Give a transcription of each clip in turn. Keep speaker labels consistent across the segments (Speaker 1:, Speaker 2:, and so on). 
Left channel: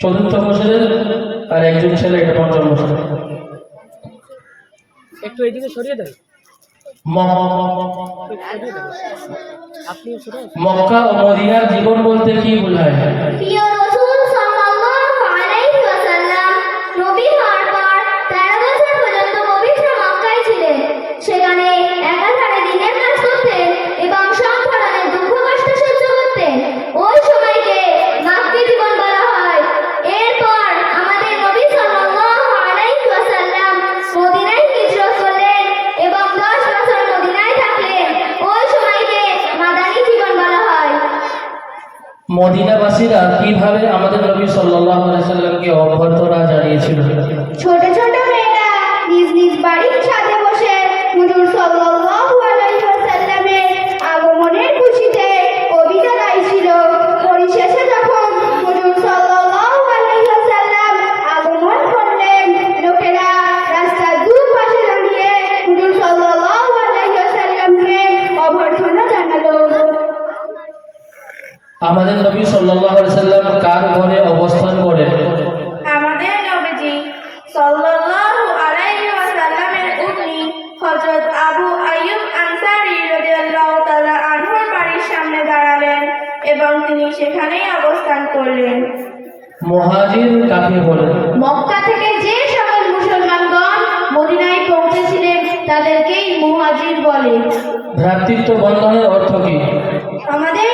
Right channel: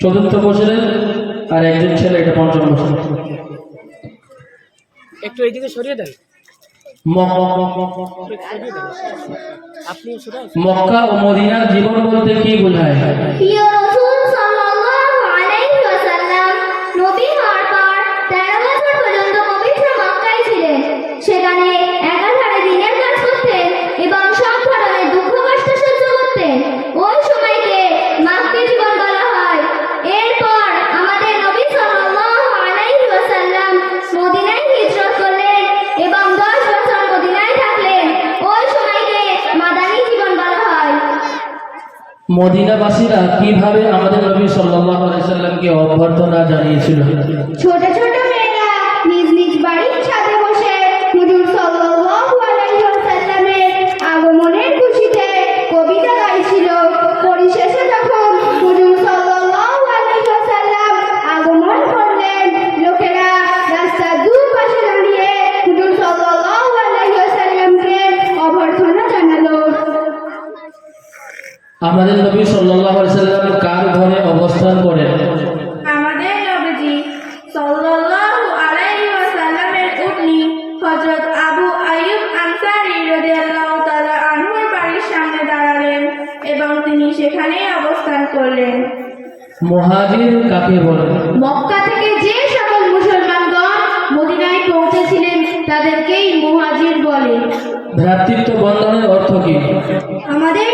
Speaker 1: চতুর্থ বছরের আর একজন ছেলে এটা পঞ্চম বছর।
Speaker 2: একটু এইদিকে সরিয়ে দেন। আসুন।
Speaker 1: মক্কা ও মদিনার জীবন বলতে কি বোঝায়? মদিনাবাসীরা কীভাবে আমাদের নবী সাল্লাল্লাহু আলাইহি সাল্লামকে অভ্যর্থনা জানিয়েছিল? আমাদের নবী সাল্লাল্লাহু আলাইহি সাল্লাম কার ঘরে অবস্থান করেন?
Speaker 3: আমাদের নবীজি সাল্লাল্লাহু আলাইহি ওয়াসাল্লামের উম্মি হযরত আবু আইয়ুব আনসারী রাদিয়াল্লাহু তাআলা আনহুর বাড়ির সামনে দাঁড়ালেন এবং তিনি সেখানেই অবস্থান করলেন।
Speaker 1: মহাজির কাকে বলে
Speaker 4: মক্কা থেকে যে সকল মুসলমানগণ মদিনায় পৌঁছেছিলেন তাদেরকেই মুহাজির বলে।
Speaker 1: ভ্রাতৃত্ব বন্ধনের অর্থ কি?
Speaker 4: আমাদের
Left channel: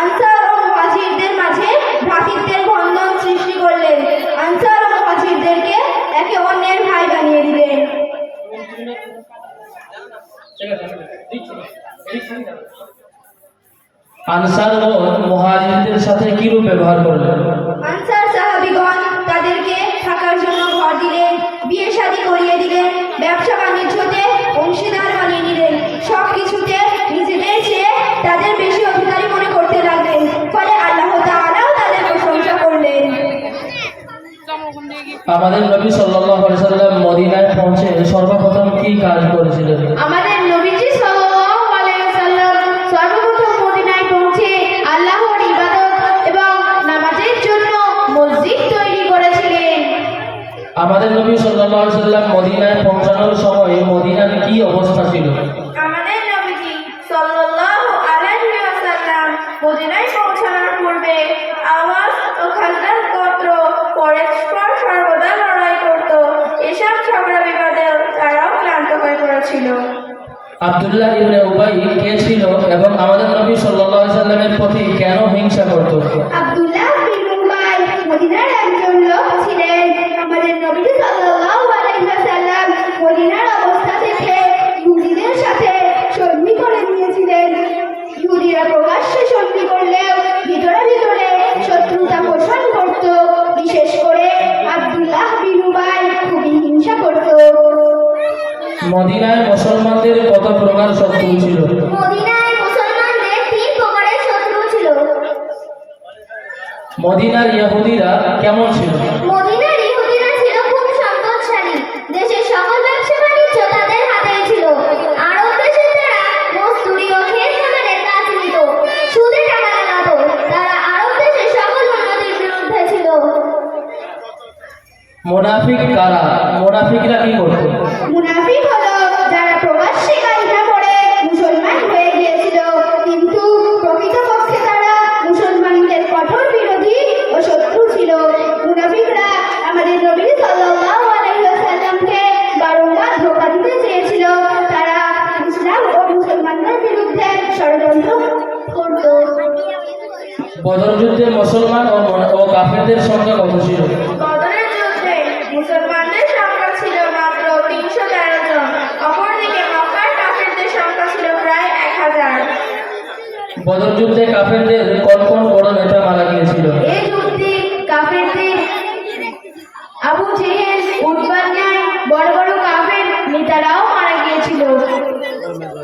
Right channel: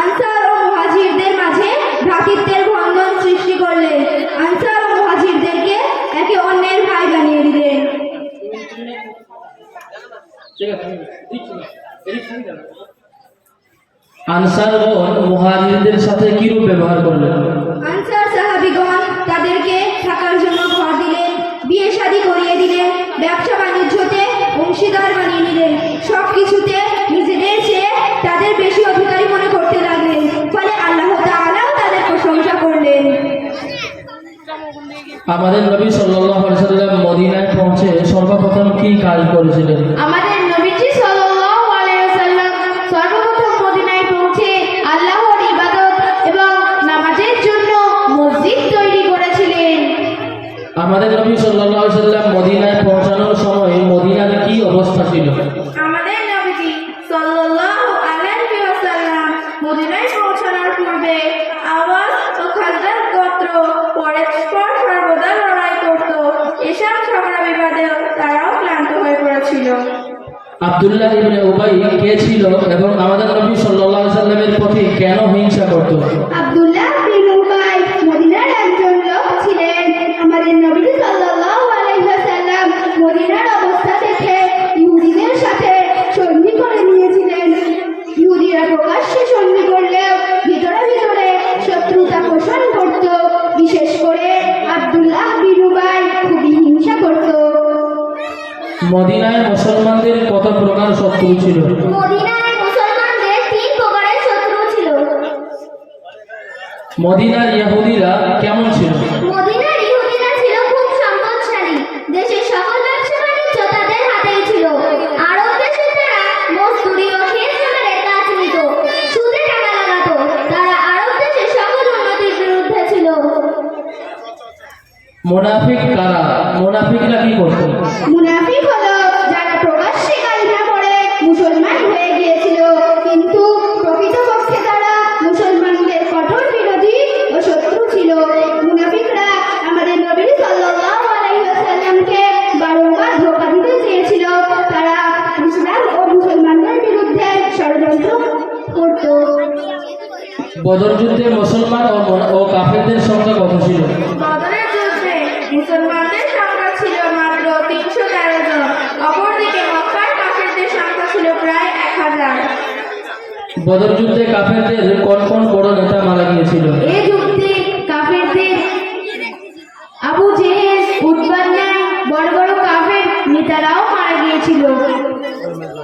Speaker 4: আনসার ও মুহাজিরদের সৃষ্টি করলেন। আনসার ও একে অন্যের ভাই বানিয়ে দিলেন।
Speaker 1: আনসার ও মুহাজিরদের সাথে কিরূপ ব্যবহার করলেন? আমাদের নবী সাল্লাল্লাহু আলাইহি সাল্লাম মদিনায় পৌঁছানোর সময় মদিনার কি অবস্থা ছিল?
Speaker 3: আমাদের নবীজি সাল্লাল্লাহু আলাইহি ওয়াসাল্লাম মদিনায় পৌঁছানোর পূর্বে আওয়াজ ও খাজরাত গোত্র পরস্পর সর্বদা লড়াই করত। এসব ঝগড়া বিবাদে তারাও ক্লান্ত হয়ে পড়েছিল।
Speaker 1: আব্দুল্লাহ ইবনে উবাই মদিনায় মুসলমানদের কত প্রকার শত্রু ছিল। মদিনার ইহুদিরা কেমন ছিল?
Speaker 4: মদিনার ইহুদিরা ছিল খুব সম্পদশালী। দেশের সকল ব্যবসা বাণিজ্য তাদের হাতেই ছিল। আরব দেশের তারা মজদুরি ও ক্ষেত খামারের কাজ নিত সুদে টাকা লাগাতো। তারা আরব দেশের সকল উন্নতির বিরুদ্ধে ছিল।
Speaker 1: মুনাফিক কারা? মুনাফিকরা কি করত?
Speaker 4: মুনাফিক হলো মুসলমানদের
Speaker 1: সংখ্যা ছিল
Speaker 3: মাত্র তিনশো তেরো জন। অপরদিকে মক্কার কাফেরদের সংখ্যা ছিল প্রায় এক হাজার।
Speaker 1: বদর যুদ্ধে কাফেরদের কোন কোন বড় নেতা মারা গিয়েছিল?
Speaker 4: এই যুদ্ধে কাফেরদের আবু জেহেল উৎবার বড় বড় কাফের নেতারাও মারা গিয়েছিল।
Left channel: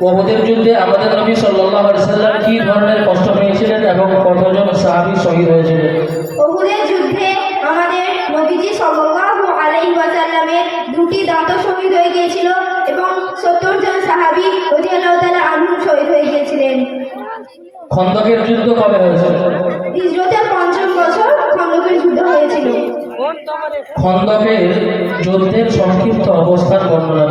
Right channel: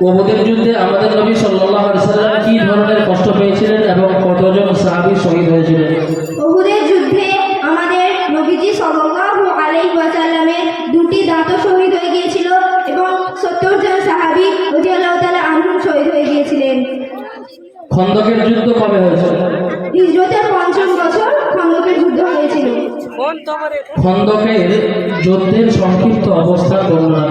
Speaker 1: ওহদের যুদ্ধে আমাদের নবী সাল্লাল্লাহু আলাইহি সাল্লাম কি ধরনের কষ্ট পেয়েছিলেন এবং কতজন সাহাবী শহীদ হয়েছিলেন?
Speaker 4: আলাইহি ওয়াসাল্লামের দুটি দাঁতও শহীদ হয়ে গিয়েছিল এবং সত্তর জন সাহাবী রাদিয়াল্লাহু তাআলা আনহু শহীদ হয়ে গিয়েছিলেন।
Speaker 1: খন্দকের যুদ্ধ কবে হয়েছিল?
Speaker 4: হিজরতের পঞ্চম বছর খন্দকের যুদ্ধ হয়েছিল।
Speaker 1: খন্দকের যুদ্ধের সংক্ষিপ্ত অবস্থান বর্ণনা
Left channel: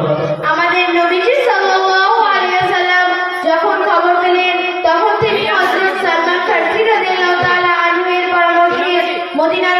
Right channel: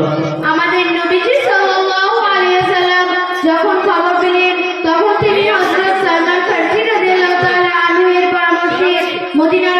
Speaker 4: আমাদের নবীজি সাল্লাল্লাহু আলাইহি ওয়াসাল্লাম যখন খবর পেলেন তখন তিনি হযরত সালমান ফারসি রাদিয়াল্লাহু তাআলা আনহু এর পরামর্শে মদিনার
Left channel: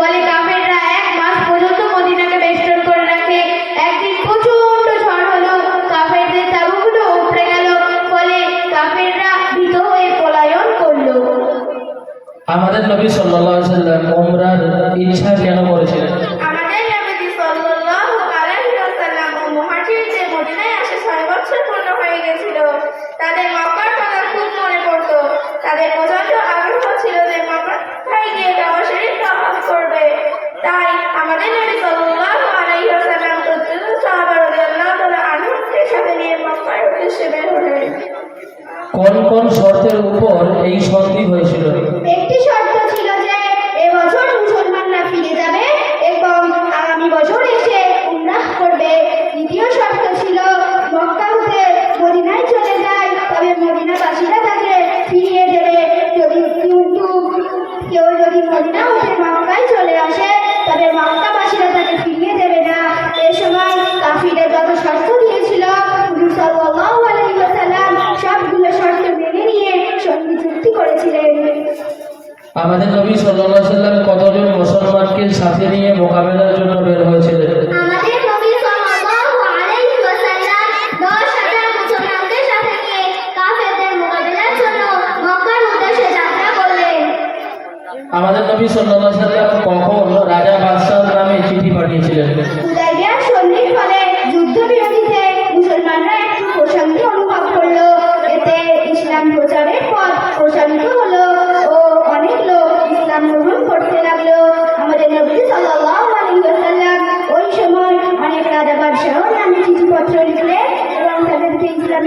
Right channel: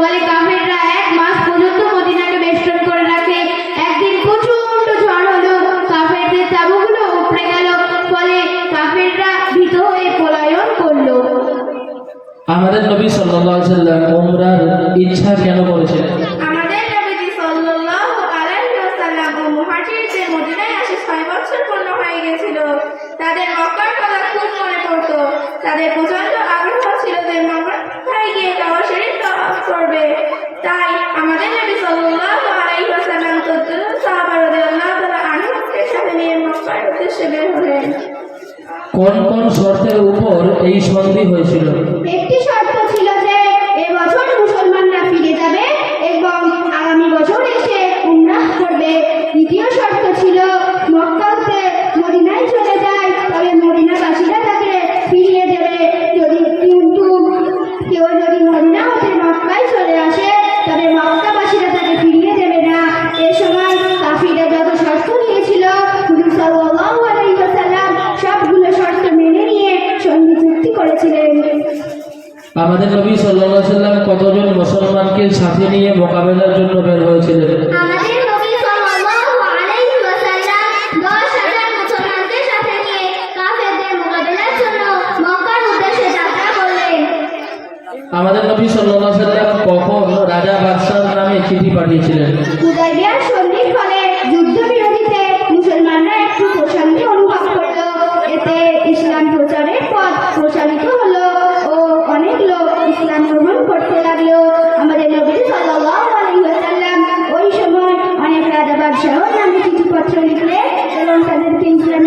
Speaker 4: ফলে কাফেররা এক মাস পর্যন্ত মদিনাকে বেষ্টন করে রাখে। একদিন প্রচণ্ড ঝড় হলো কাফেরদের তাবুগুলো উপড়ে গেল। ফলে কাফেররা ভীত হয়ে পলায়ন করল।
Speaker 1: আমাদের নবী সাল্লাল্লাহু আলাইহি সাল্লাম ওমরার ইচ্ছা কেন করেছিলেন
Speaker 3: আমাদের নবীজি সাল্লাল্লাহু আলাইহি ওয়াসাল্লাম মুহাজিরদের মদিনায় আসে ছয় বছর পূর্ণ হয়ে গেছিল তাদের মক্কার কথা খুব মনে পড়তো তাদের প্রচণ্ড আগ্রহ ছিল যে মক্কায় গিয়ে কাবা শরীফ তওয়াফ করবে তাই আমাদের নবী সাল্লাল্লাহু আলাইহি ওয়াসাল্লাম তদ্দুর সাহাবা রাদিয়াল্লাহু তাআলা আনহুকে সাথে নিয়ে মক্কার উদ্দেশ্যে বের হলেন
Speaker 1: কোন কোন শর্তের উপর এই সন্ধি হয়েছিল?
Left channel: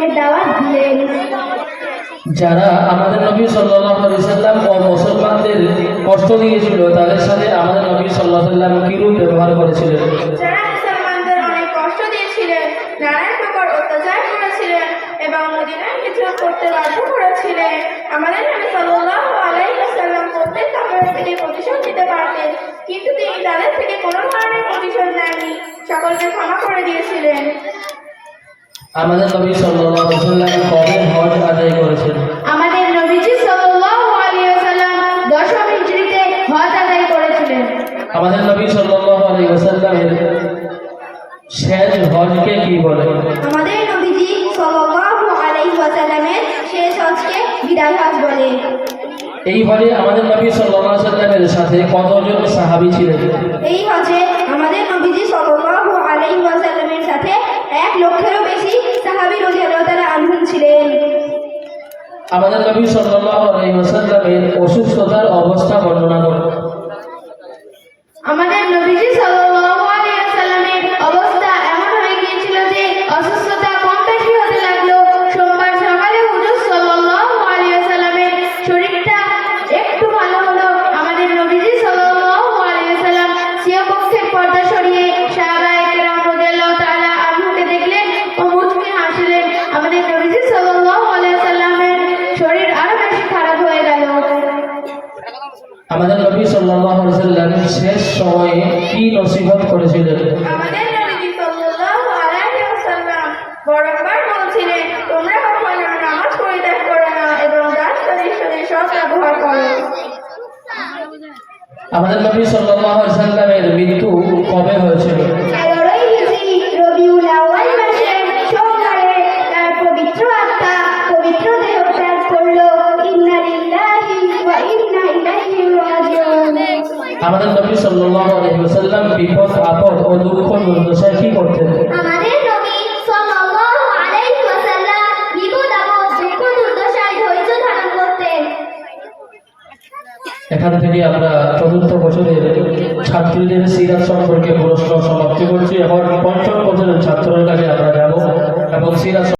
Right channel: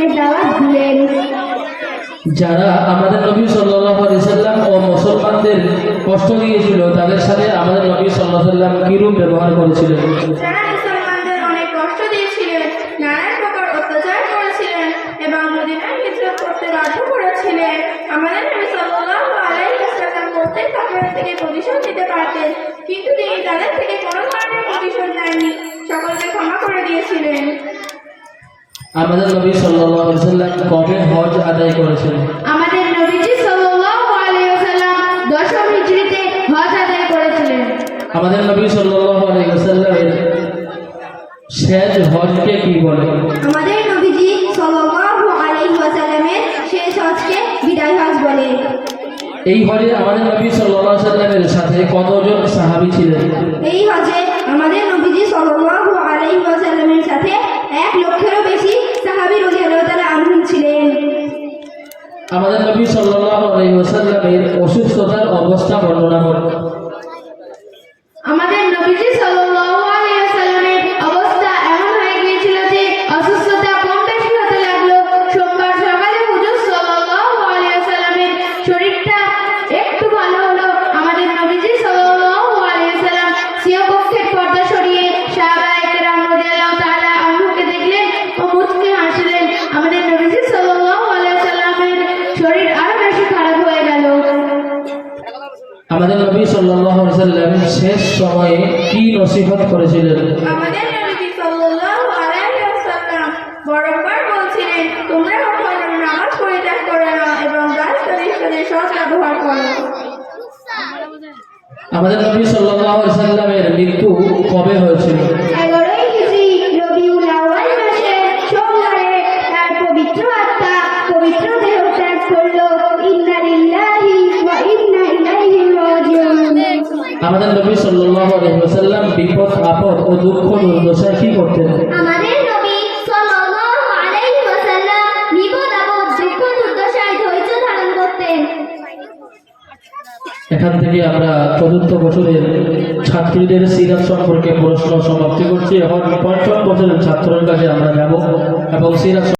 Speaker 4: ইসলামের দাওয়াত দিলেন
Speaker 1: যারা আমাদের নবী সাল্লাল্লাহু আলাইহি সাল্লাম ও মুসলমানদের কষ্ট দিয়েছিল তাদের সাথে আমাদের নবী সাল্লাল্লাহু আলাইহি সাল্লাম কিরূপ ব্যবহার করেছিলেন?
Speaker 3: যারা মুসলমানদের অনেক কষ্ট দিয়েছিলেন নানান প্রকার অত্যাচার করেছিলেন এবং মদিনায় হিজরত করতে বাধ্য করেছিলেন আমাদের নবী সাল্লাল্লাহু আলাইহি ওয়াসাল্লাম প্রত্যেক কাপড় থেকে প্রতিশোধ নিতে পারতেন কিন্তু তিনি তাদের থেকে কোনো ধরনের প্রতিশোধ নেননি। সকলকে ক্ষমা করে দিয়েছিলেন।
Speaker 1: আমাদের নবী সাল্লাল্লাহু আলাইহি সাল্লাম কবে হজ আদায় করেছিলেন
Speaker 4: আমাদের নবীজি সাল্লাল্লাহু আলাইহি ওয়াসাল্লাম দশম হিজরিতে হজ আদায় করেছিলেন।
Speaker 1: আমাদের নবী সাল্লাল্লাহু আলাইহি ওয়াসাল্লামের শেষ হজকে কি বলে?
Speaker 4: আমাদের নবীজি সাল্লাল্লাহু আলাইহি ওয়াসাল্লামের শেষ হজকে বিদায় হজ বলে।
Speaker 1: এই হজে আমাদের নবী সাল্লাল্লাহু আলাইহি
Speaker 4: আমাদের
Speaker 1: নবী সাল্লাল্লাহু আলাইহি ওয়াসাল্লামের অসুস্থতার অবস্থা বর্ণনা
Speaker 4: আমাদের
Speaker 1: নবী সাল্লাল্লাহু আলাইহি সাল্লাম শেষ সময়ে কি নসিহত করেছিলেন?
Speaker 3: আমাদের নবী সাল্লাল্লাহু আলাইহি বারংবার বলছিলেন তোমরা কখনো নামাজ পরিত্যাগ করো না এবং দাস দাসীদের সৎ ব্যবহার করো।
Speaker 1: আমাদের নবী সাল্লাল্লাহু আলাইহি সাল্লামের মৃত্যু কবে হয়েছিল? así